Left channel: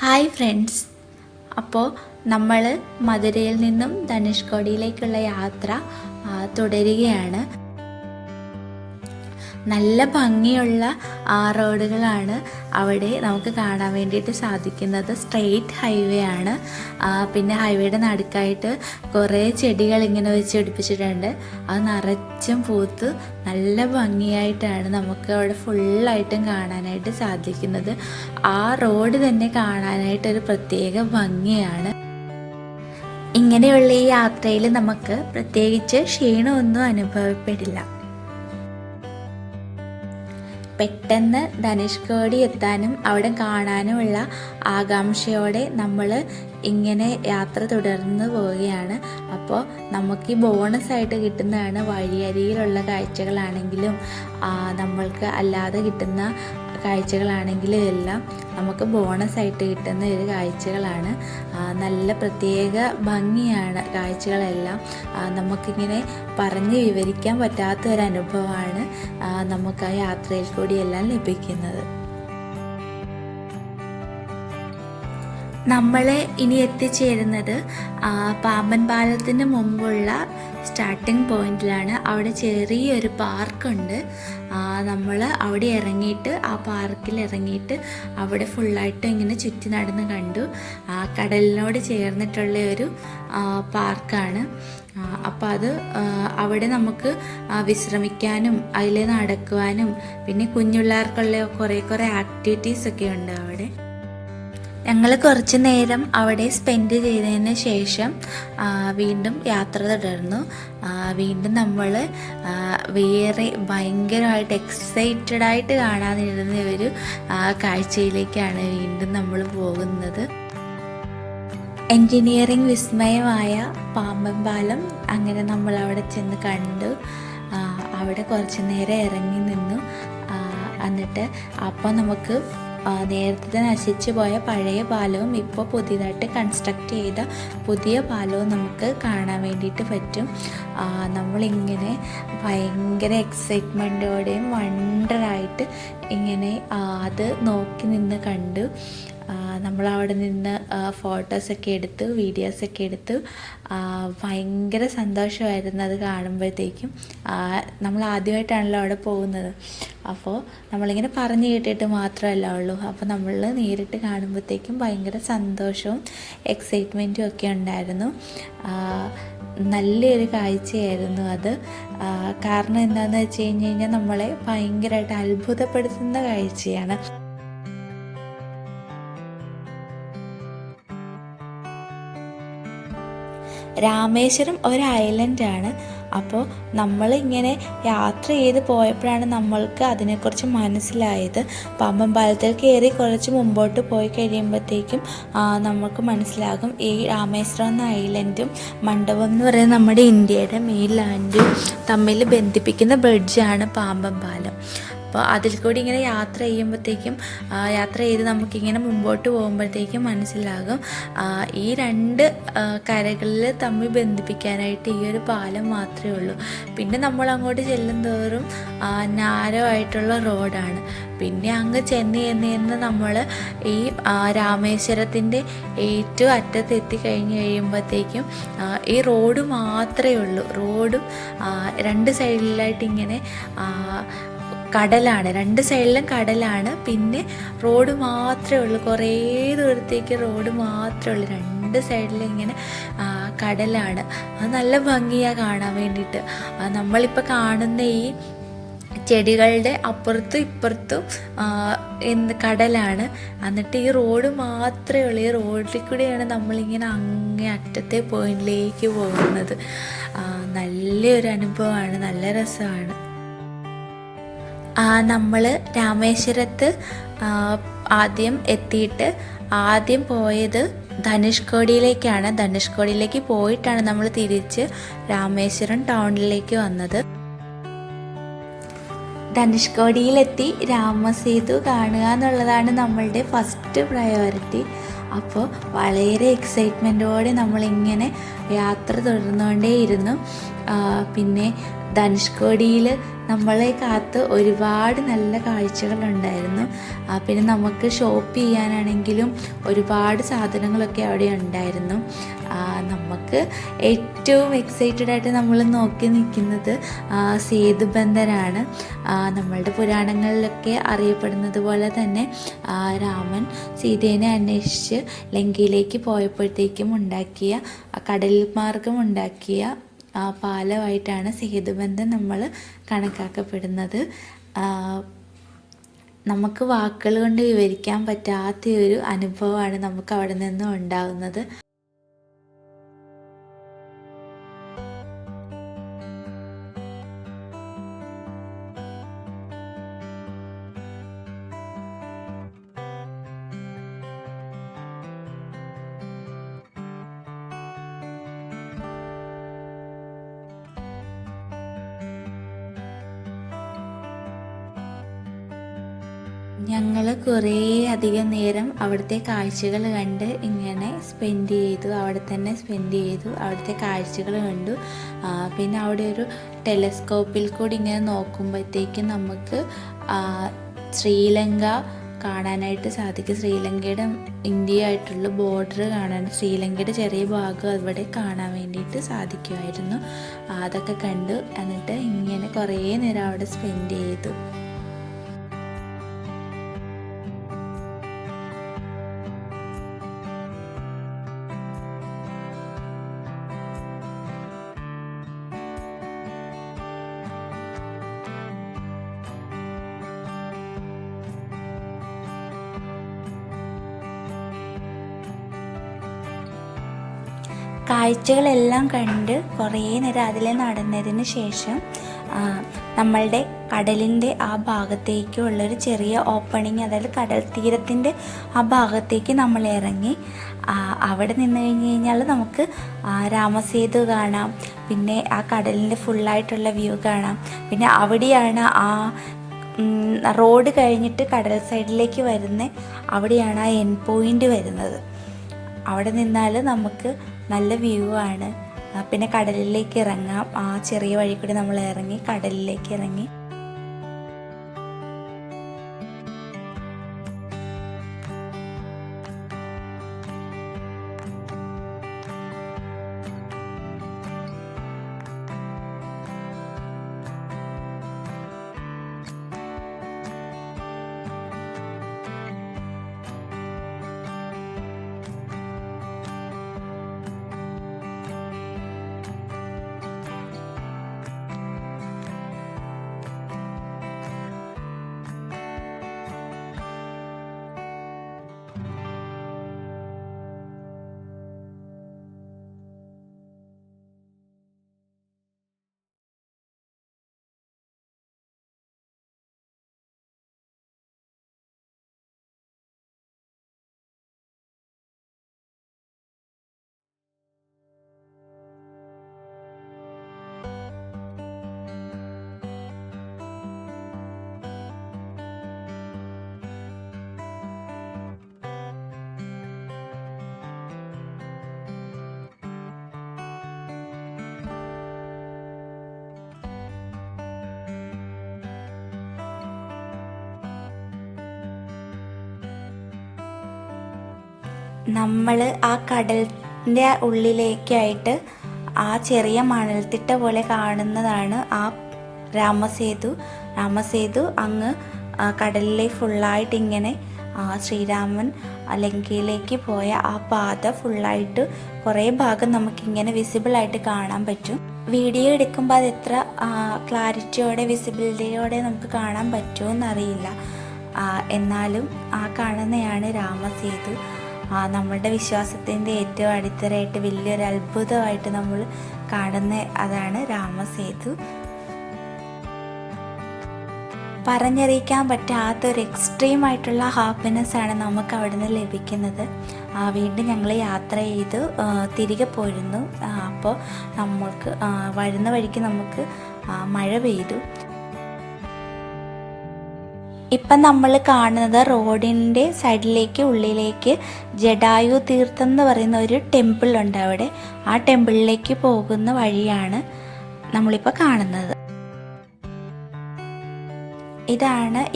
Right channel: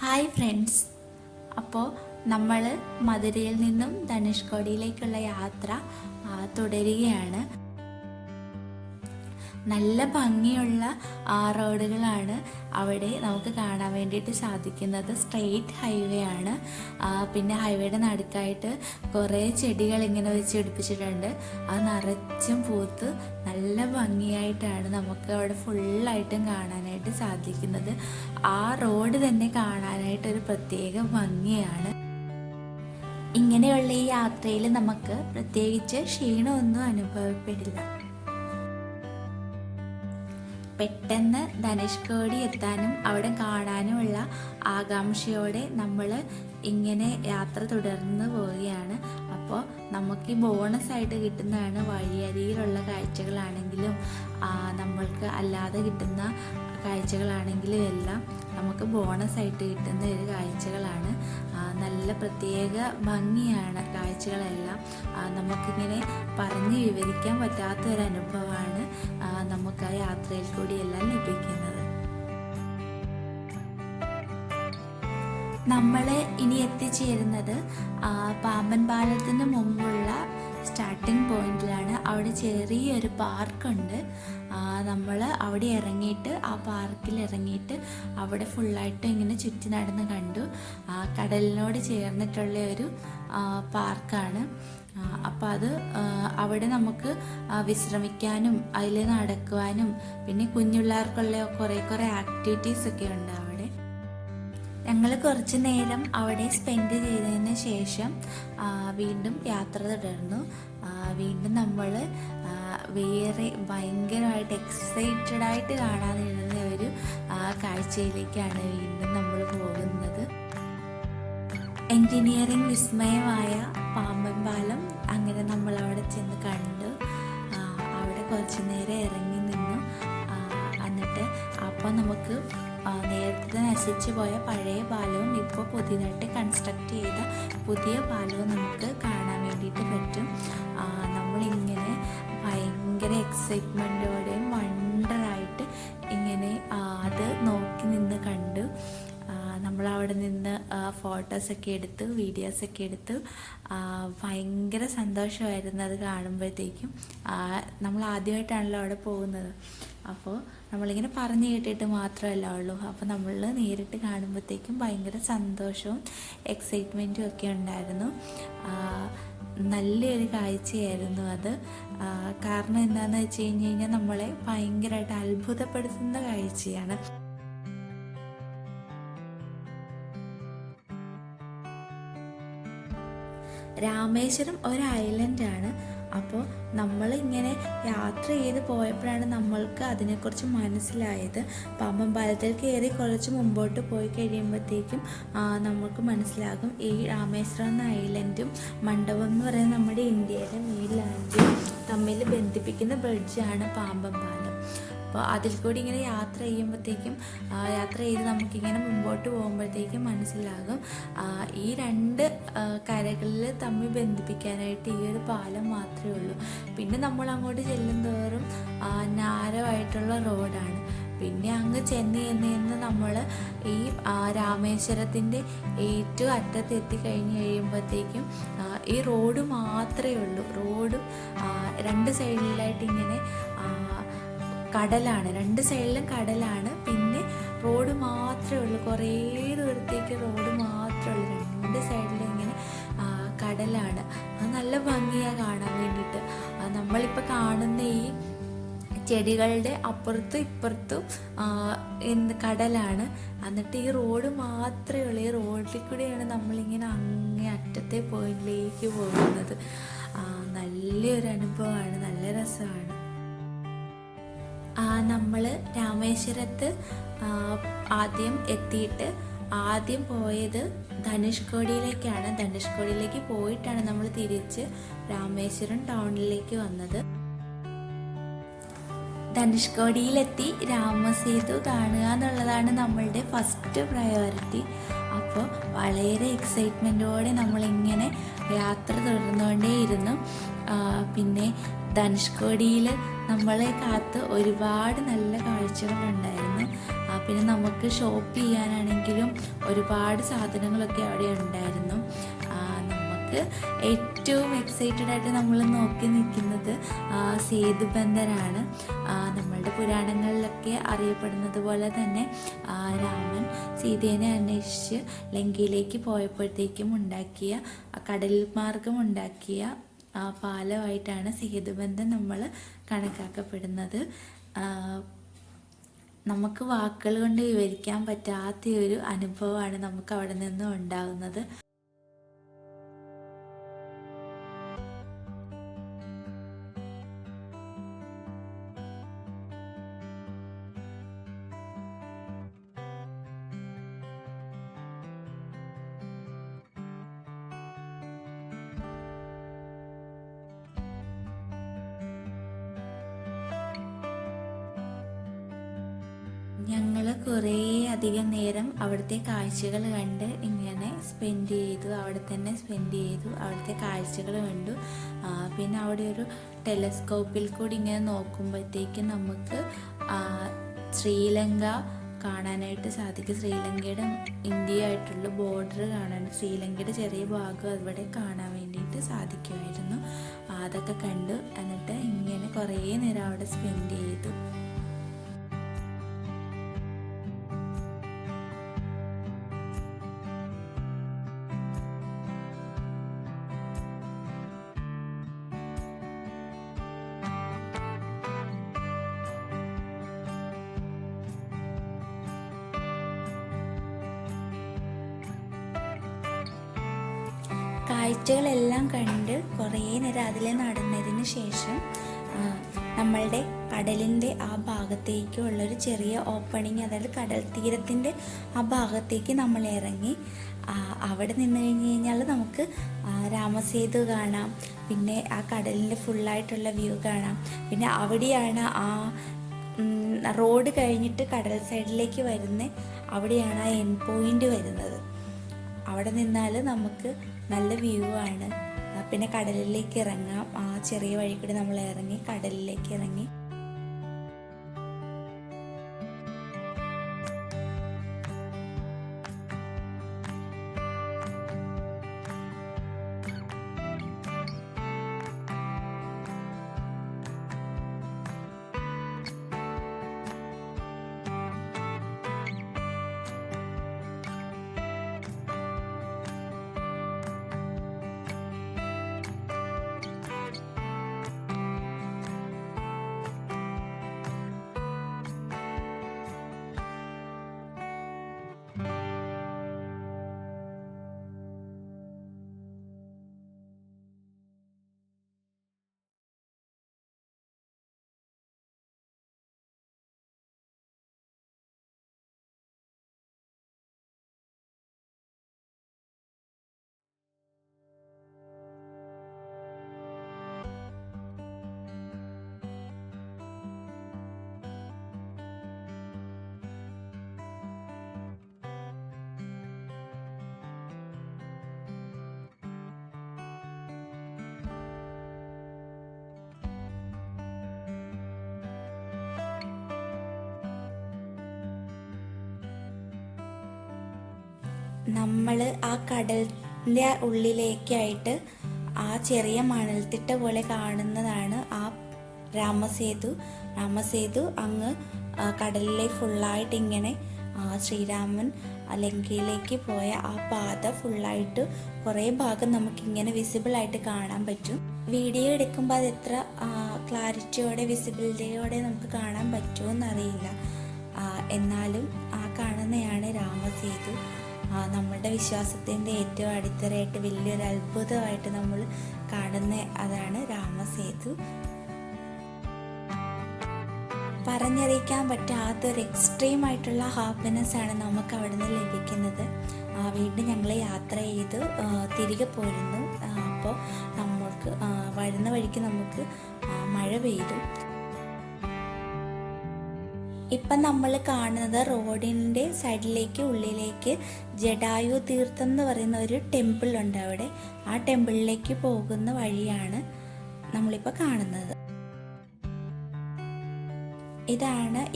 Hi friends. അപ്പോൾ നമ്മൾ മധുരയിൽ നിന്നും ധനുഷ്കോടിയിലേക്കുള്ള യാത്ര തുടരുകയാണ്. നല്ല ഭംഗിയുള്ള റോഡുകളാണ് അവിടെ നമുക്ക് കാണാൻ വേണ്ടിയിട്ട് സാധിക്കുന്നത്. സ്ട്രെയിറ്റ് ഹൈവേ ആണ്. പിന്നെ ഹൈവേയുടെ നടുക്കായിട്ട് കുറേ ചെടികൾ ഇങ്ങനെ വെച്ച് പിടിപ്പിച്ചിട്ടുണ്ട്. അത് നിറച്ചും പൂത്ത് നല്ല ഭംഗിയായിട്ടാണ് നമുക്ക് അവിടെ ഫുള്ളായിട്ടും കാണാനായിട്ട് സാധിക്കുന്നത്. ആ റോഡ് തന്നെ കാണാനായിട്ടൊരു പ്രത്യേക ഭംഗിയാണ്. ഇങ്ങനെയുള്ള ഈ യാത്രയിൽ നമുക്ക് പ്രത്യേകിച്ച് ക്ഷീണമൊന്നും അനുഭവപ്പെടില്ല. പെട്ടെന്ന് ധനുഷ്കോടി എത്താനും അവിടെ കാണാനുമുള്ള ആകാംക്ഷയോടെ നമ്മൾ ഇങ്ങനെ യാത്ര തുടർന്ന് പോവുകയാണ്. അപ്പോൾ നമുക്ക് ഈ ബോണസായിട്ട് കിട്ടുന്നതാണ് വഴിയരികിലുള്ള കാഴ്ചകളാണെങ്കിലും നമ്മൾക്ക് അല്ലാതെ കിട്ടുന്ന കാഴ്ചകളാണെങ്കിലും എല്ലാം നമുക്ക് ബോണസായിട്ട് കിട്ടുന്ന ഒരു കാഴ്ചകളാണ്. നല്ല പ്രത്യേക ഭംഗിയാണ് കാഴ്ചകളെല്ലാം. നമുക്കിങ്ങനെ പറഞ്ഞ് വിവരിക്കാൻ പറ്റാത്ത ഒരു അനുഭവമാണ് നമുക്ക് ആ യാത്രയിൽ കൂടിയെല്ലാം ലഭിക്കുന്നത്. നമ്മൾ ഇനി എത്തിച്ചേരുന്നത് പാമ്പൻ പാലത്തിന് മുമ്പുള്ള സ്റ്റാർട്ടിംഗ് പോയിന്റിലാണ്. അവിടെ ചെറിയൊരു പാർക്കുണ്ട്. നമ്മൾ അവിടെ ഇറങ്ങിയിട്ട് ആ പാർക്കിൽ ഇറങ്ങിയിട്ട് അവിടെ ഫുള്ളായിട്ട് ഇങ്ങനെ ചുറ്റി നടന്ന് കണ്ടു. കടലിനോട് ചേർന്നിട്ടുള്ള ഒരു പാർക്കാണ്. അപ്പോൾ അത് അവിടെ നമുക്ക് വിശ്രമിക്കാനും അതിൽ നടക്കുവാനും പിന്നെ കുഞ്ഞുപിള്ളേർക്കുള്ള കുറേ ആക്ടിവിറ്റീസൊക്കെ ഉണ്ട് അവിടെ. ഞങ്ങൾ കുറച്ച് നേരം അവിടെ സ്പെൻഡ് ചെയ്തതിന് ശേഷം വീണ്ടും യാത്ര തുടർന്നു. വീണ്ടും നമ്മൾ വേറെ ഭയങ്കരമായിട്ട് എക്സൈറ്റഡായിട്ട് കാണാനിരുന്ന ഒരു കാഴ്ചയിലേക്കാണ് വീണ്ടും നമ്മൾ പോകുന്നത്. എൻജിനീയറിംഗ് വിസ്മയമായ പാമ്പൻ പാലം അങ്ങനെ നമ്മൾ അവിടെ ചെന്ന് കണ്ടു. അവിടെ കുറച്ച് നേരം ഇറങ്ങി നിന്നു. എന്നിട്ട് അപ്പോൾ നമുക്ക് നേരത്തെ നശിച്ചു പോയ പഴയ പാലവും ഇപ്പോൾ പുതിയതായിട്ട് കൺസ്ട്രക്റ്റ് ചെയ്ത പുതിയ പാലവും നമുക്ക് കാണാൻ വേണ്ടിയിട്ട് പറ്റും. നമ്മളിങ്ങനെ ഭയങ്കര എക്സൈറ്റ്മെൻറ്റോടെയും വണ്ടറായിട്ട് ഇങ്ങനെ അത് നോക്കി നിന്ന് കണ്ടു. നമ്മളവിടെ നിന്ന് ഫോട്ടോസൊക്കെ എടുത്തു, വീഡിയോസൊക്കെ എടുത്തു. ഭയങ്കര സന്തോഷമായിരുന്നു അത് കാണുമ്പോഴത്തേക്കും. നമ്മൾ ആദ്യമായിട്ടാണല്ലോ അവിടെ പോകുന്നത്. അപ്പോൾ നമ്മളിങ്ങനെ പറഞ്ഞു കേട്ടിട്ട് മാത്രമല്ല ഉള്ളൂ. അപ്പോൾ നമ്മൾ നേരിട്ട് കാണുമ്പോഴത്തേക്കും ഭയങ്കര സന്തോഷവും എക്സൈറ്റ്മെൻറ്റും ഒക്കെ ഉണ്ടായിരുന്നു. നല്ലൊരു കാഴ്ചയായിരുന്നു അത്. കാരണം എന്താണെന്ന് വെച്ച് കഴിഞ്ഞാൽ നമ്മളെ ഭയങ്കരമായിട്ട് അത്ഭുതപ്പെടുത്തുന്ന കാഴ്ചയാണ്. രാമേശ്വരം ഒരു ഐലൻഡാണ്. അപ്പോൾ നമ്മളിങ്ങനെ യാത്ര ചെയ്ത് പോയപ്പോഴാണ് നമ്മൾക്ക് അതിനെക്കുറിച്ച് മനസ്സിലായത്. പാമ്പൻ പാലത്തിൽ കയറി കുറച്ച് മുമ്പോട്ട് പോയി കഴിയുമ്പോഴത്തേക്കും നമുക്ക് മനസ്സിലാകും ഈ രാമേശ്വരം എന്ന ഐലൻഡും മണ്ഡപം എന്ന് പറയുന്നത് നമ്മുടെ ഇന്ത്യയുടെ മെയിൻ ലാൻഡും തമ്മിൽ ബന്ധിപ്പിക്കുന്ന ബ്രിഡ്ജാണ് പാമ്പൻ പാലം. അപ്പോൾ അതിൽ കൂടി ഇങ്ങനെ യാത്ര ചെയ്ത് നമുക്കിങ്ങനെ മുമ്പോട്ട് പോകുമ്പോഴത്തേക്കും മനസ്സിലാകും ഈ രണ്ട് കരകളിൽ തമ്മിൽ ബന്ധിപ്പിക്കാനായിട്ട് ഈ ഒരു പാലം മാത്രമേ ഉള്ളൂ. പിന്നെ നമ്മൾ അങ്ങോട്ട് ചെല്ലും തോറും നാരോ ആയിട്ടുള്ള റോഡാണ്. പിന്നെ അങ്ങ് ചെന്ന് നമ്മൾ ഈ രാമേശ്വരത്തിൻ്റെ ഏറ്റവും അറ്റത്തെത്തി കഴിയുമ്പോഴത്തേക്കും ഈ റോഡ് മാത്രമേ ഉള്ളൂ. റോഡും രണ്ട് സൈഡിലായിട്ട് ഇങ്ങനെ കടലാണ്, രണ്ട് സൈഡിലും കടലാണ്. പിന്നെ റോഡ് മാത്രമേ ഉള്ളൂ. കുറേ ദൂരത്തേക്ക് റോഡ് മാത്രമേ ഉള്ളൂ. രണ്ട് സൈഡിലും ഇങ്ങനെ കടലാണ്. അത് നല്ല ഭംഗിയാണ് കാണാൻ വേണ്ടിയിട്ട്. നമ്മളിപ്പോൾ കാണുന്ന ഈ ചെടികളുടെ അപ്പുറത്തും ഇപ്പുറത്തും കടലാണ്. എന്നിട്ട് ഈ റോഡ് മാത്രമേ ഉള്ളൂ. ഈ റോഡിൽ കൂടെയാണ് നമ്മളിങ്ങനെ അങ്ങേ അറ്റത്തെ പോയിന്റിലേക്ക് പോകുന്നത്. നല്ലൊരു അനുഭവമാണ്, നല്ല രസമാണ്. നമ്മൾ രാമേശ്വരത്ത് ആദ്യം എത്തിയിട്ട് ആദ്യം പോയത് ധനുഷ്കോടിയിലേക്കാണ്. ധനുഷ്കോടിയിലേക്ക് പോയിട്ടാണ് നമ്മൾ തിരിച്ച് രാമേശ്വരം ടൗണിലേക്ക് വന്നത്. ധനുഷ്കോടിയിലെത്തി രാമസേതു കാണുക എന്നുള്ളതാണ് നമ്മളുടെ ഫസ്റ്റ് പ്രയോറിറ്റി. അപ്പോൾ വളരെ എക്സൈറ്റ്മെൻറ്റോടെ നമ്മളിങ്ങനെ യാത്ര തുടർന്നുകൊണ്ടേയിരുന്നു. പിന്നെ ധനുഷ്കോടിയിൽ നമ്മളെ കാത്ത് ഒരുപാട് നല്ല കാഴ്ചകളുണ്ടായിരുന്നു. പിന്നെ നമുക്ക് ഷോപ്പ് ചെയ്യാനാണെങ്കിലും ഒരുപാട് സാധനങ്ങളൊക്കെ അവിടെ ഉണ്ടായിരുന്നു. നമുക്ക് ഏറ്റവും എക്സൈറ്റഡ് ആയിട്ട് നമ്മൾ നോക്കി നിൽക്കുന്നത് സേതുബന്ധനാണ്. നമ്മളുടെ പുരാണങ്ങളിലൊക്കെ അറിയപ്പെടുന്നത് പോലെ തന്നെ രാമൻ സീതേനെ അന്വേഷിച്ച് ലങ്കയിലേക്ക് പോയപ്പോഴത്തേക്കും ഉണ്ടാക്കിയ കടൽ മാർഗം ഉണ്ടാക്കിയ പാലമായിട്ടാണ് സേതുബന്ധം നമ്മൾ കണക്കാക്കപ്പെടുന്നത്. നമുക്ക് വാക്കുകൾ കൊണ്ട് വിവരിക്കാൻ പറ്റാത്തൊരു അനുഭവമാണ് നമുക്ക് അവിടെ നിന്നും ഉണ്ടാകുന്നത്. ഞങ്ങൾ കുറേ അധികം നേരം അവിടുത്തെ കാഴ്ചകൾ കണ്ട് ഇങ്ങനെ സ്പെൻഡ് ചെയ്തു. അവിടുത്തെ കാഴ്ചകൾ കണ്ടു. പിന്നെ അവിടെ ഒരു ടെലസ്കോപ്പിൽ കൂടി ഇങ്ങനെ നോക്കുമ്പോഴത്തേക്കും നമുക്ക് ശ്രീലങ്ക കാണാനായിട്ട് സാധിക്കും. ശ്രീലങ്കയുടെ ഇന്ത്യയായിട്ടുള്ള ബോർഡർ കാണാൻ, ശ്രീലങ്കയുടെ ചെറിയ ഭാഗം അവിടെ കാണാൻ വേണ്ടിയിട്ട് സാധിക്കുമായിരുന്നു. അതൊക്കെ കണ്ടു. എന്നിട്ട് ഇങ്ങനെ കുറേ നേരം അവിടെ സ്പെൻഡ് ചെയ്തു. കാഴ്ചകളെല്ലാം കണ്ട് കുറേ നേരം അതിൽ നടന്നതിന് ശേഷം നമ്മളുടെ കടലിൻ്റെ ആ ഭാഗത്തേക്കുള്ളൊരു ചെറിയ ഓപ്പണിങ്, അതായത് കടൽ തീരത്തിൻ്റെ ആ ഭാഗത്തേക്ക് നമ്മൾ ഇറങ്ങി. അവിടെ നിന്ന് കഴിഞ്ഞ് കഴിഞ്ഞാൽ നമുക്ക് രാമസേതു കാണാം. പിന്നെ ആ കടലിൻ്റെ ഫുള്ളായിട്ടുള്ള വ്യൂ കാണാം. പിന്നെ അവിടെയാണ് ആ റോഡ് കഴിഞ്ഞിട്ട് കടൽ സൈഡിലേക്ക് വരുന്ന അവിടെയാണ് ആ എൻ പോയിൻ്റ് വരുന്നത്. അവിടെ നിന്നാൽ നമുക്ക് നല്ല വ്യൂ ആണ്. പിന്നെ കടലിലേക്ക് ഇറങ്ങാം. ആ ചെറിയ വഴി കൂടി നമ്മൾ ഇറങ്ങി കടലിലേക്ക് ഇറങ്ങി. നമ്മൾ ആ കടലിൻ്റെ ഉള്ളിലേക്കായിട്ട് ആ ചെറിയ മണൽത്തിട്ട പോലെ കാണുന്നതാണ് ആ രാമസേതു അങ്ങ് കടലിലെ ഫുള്ളായിട്ട് ഇങ്ങനെ ശ്രീരാമൻ ലങ്കയിലേക്ക് പോയ ആ പാത ഫുള്ളായിട്ട് കുറേ ഭാഗം നമുക്കിങ്ങനെ വിസിബിളായിട്ട് കാണാൻ പറ്റും. വീഡിയോ എടുക്കുമ്പോൾ അത് എത്ര ക്ലാരിറ്റിയോടെ വിസിബിലിറ്റിയോടെ നമുക്ക് കാണാൻ പറ്റുമെന്നറിയില്ല. എന്നാലും ആ കാണുന്നതാണ് രാമസേതു. നമ്മളുടെ വിശ്വാസത്തിൻ്റെ ഏറ്റവും അടിത്തറയായിട്ട് വലിയൊരു അത്ഭുതമായിട്ട് നമ്മൾ കാണുന്ന അതാണ് രാമസേതു. പറഞ്ഞറിയിക്കാൻ പറ്റാത്തൊരു എക്സ്ട്രീമായിട്ടുള്ള ഹാപ്പിനെസ്സാണ് നമുക്ക് അവിടെ നിന്ന് ലഭിക്കുന്നത്. വീണ്ടും ഞങ്ങൾ യാത്ര ചെയ്ത് തിരികെ പോയിരുന്നു. അപ്പോൾ നമുക്ക് വരുന്ന വഴിക്ക് നമുക്ക് മഴ പെയ്തു. ഇപ്പം നമ്മൾ കാണുന്നത് റോഡിൻ്റെ സൈഡിലേക്ക് ഉള്ളിലേക്ക് ജഡായു തീർത്ഥം എന്ന് പറയുന്ന ഒരു ടെമ്പിൾ ഉണ്ട് അവിടെ. ആ ടെമ്പിളിലേക്ക് പോകുന്ന വഴിയാണ്. നമ്മളിപ്പോൾ കാണുന്നത്.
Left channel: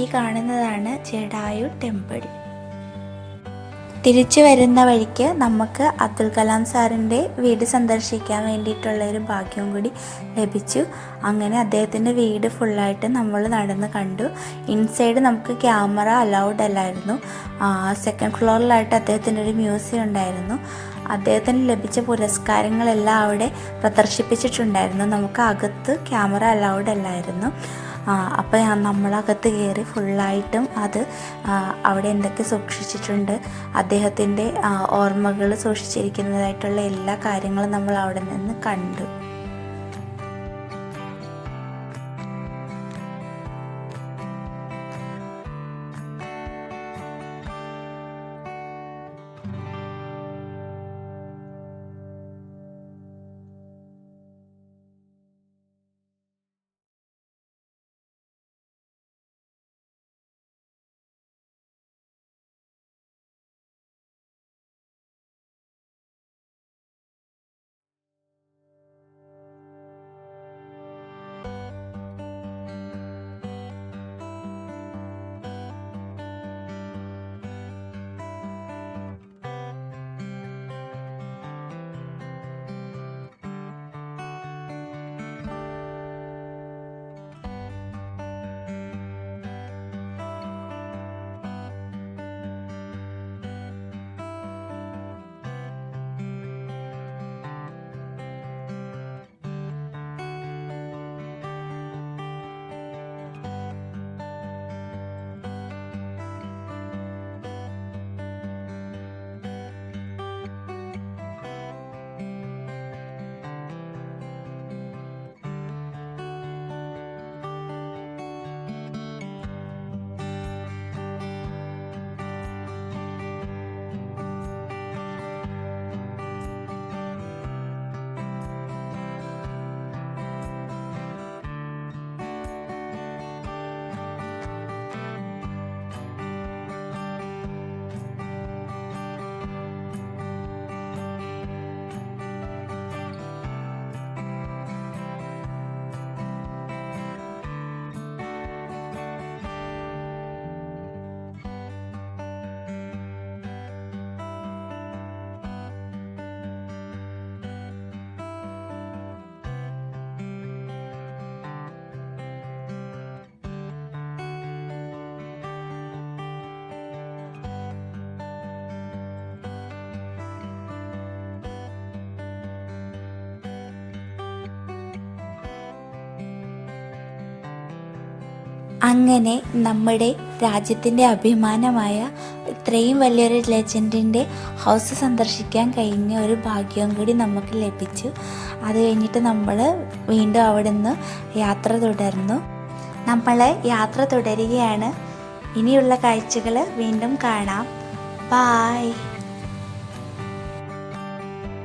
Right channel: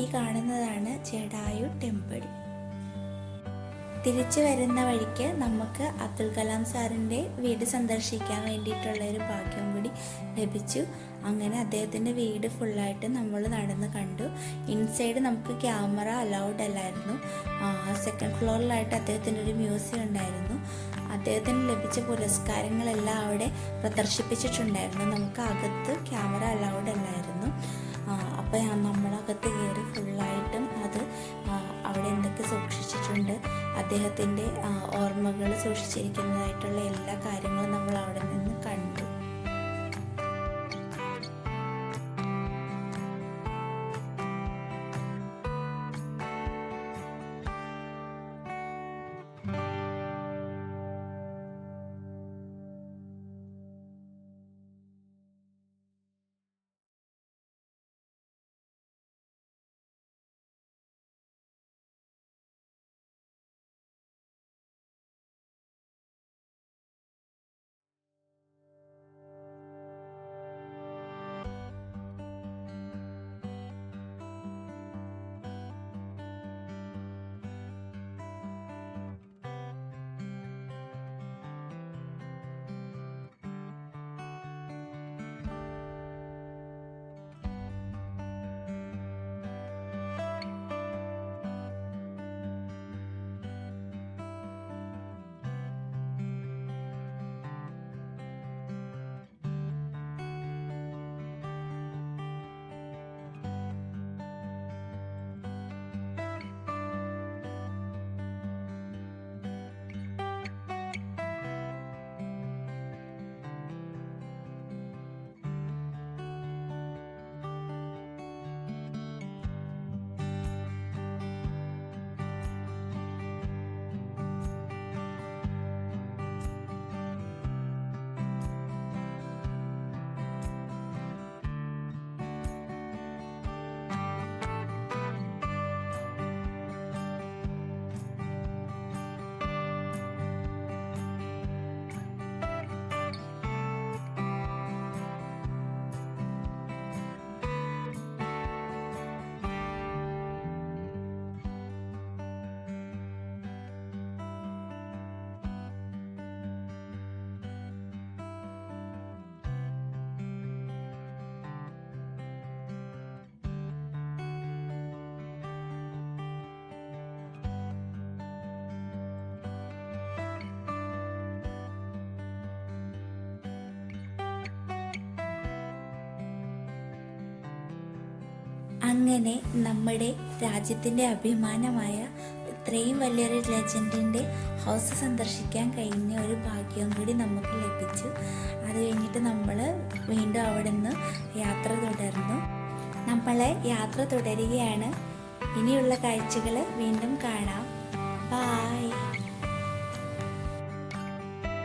ഈ കാണുന്നതാണ് ജടായു ടെമ്പിൾ. തിരിച്ചു വരുന്ന വഴിക്ക് നമുക്ക് അബ്ദുൽ കലാം സാറിൻ്റെ വീട് സന്ദർശിക്കാൻ വേണ്ടിയിട്ടുള്ള ഒരു ഭാഗ്യം കൂടി ലഭിച്ചു. അങ്ങനെ അദ്ദേഹത്തിൻ്റെ വീട് ഫുള്ളായിട്ട് നമ്മൾ നടന്ന് കണ്ടു. ഇൻസൈഡ് നമുക്ക് ക്യാമറ അലൗഡ് അല്ലായിരുന്നു. സെക്കൻഡ് ഫ്ലോറിലായിട്ട് അദ്ദേഹത്തിൻ്റെ ഒരു മ്യൂസിയം ഉണ്ടായിരുന്നു. അദ്ദേഹത്തിന് ലഭിച്ച പുരസ്കാരങ്ങളെല്ലാം അവിടെ പ്രദർശിപ്പിച്ചിട്ടുണ്ടായിരുന്നു. നമുക്ക് അകത്ത് ക്യാമറ അലൗഡ് അല്ലായിരുന്നു. അപ്പോൾ നമ്മളകത്ത് കയറി ഫുള്ളായിട്ടും അത് അവിടെ എന്തൊക്കെ സൂക്ഷിച്ചിട്ടുണ്ട്, അദ്ദേഹത്തിൻ്റെ ഓർമ്മകൾ സൂക്ഷിച്ചിരിക്കുന്നതായിട്ടുള്ള എല്ലാ കാര്യങ്ങളും നമ്മൾ അവിടെ നിന്ന് കണ്ടു. അങ്ങനെ നമ്മുടെ രാജ്യത്തിൻ്റെ അഭിമാനമായ ഇത്രയും വലിയൊരു ലെജൻഡിൻ്റെ ഹൗസ് സന്ദർശിക്കാൻ കഴിഞ്ഞ ഒരു ഭാഗ്യം കൂടി നമുക്ക് ലഭിച്ചു. അത് കഴിഞ്ഞിട്ട് നമ്മൾ വീണ്ടും അവിടെ നിന്ന് യാത്ര തുടർന്നു. നമ്മൾ യാത്ര തുടരുകയാണ്. ഇനിയുള്ള കാഴ്ചകൾ വീണ്ടും കാണാം. ബായ്.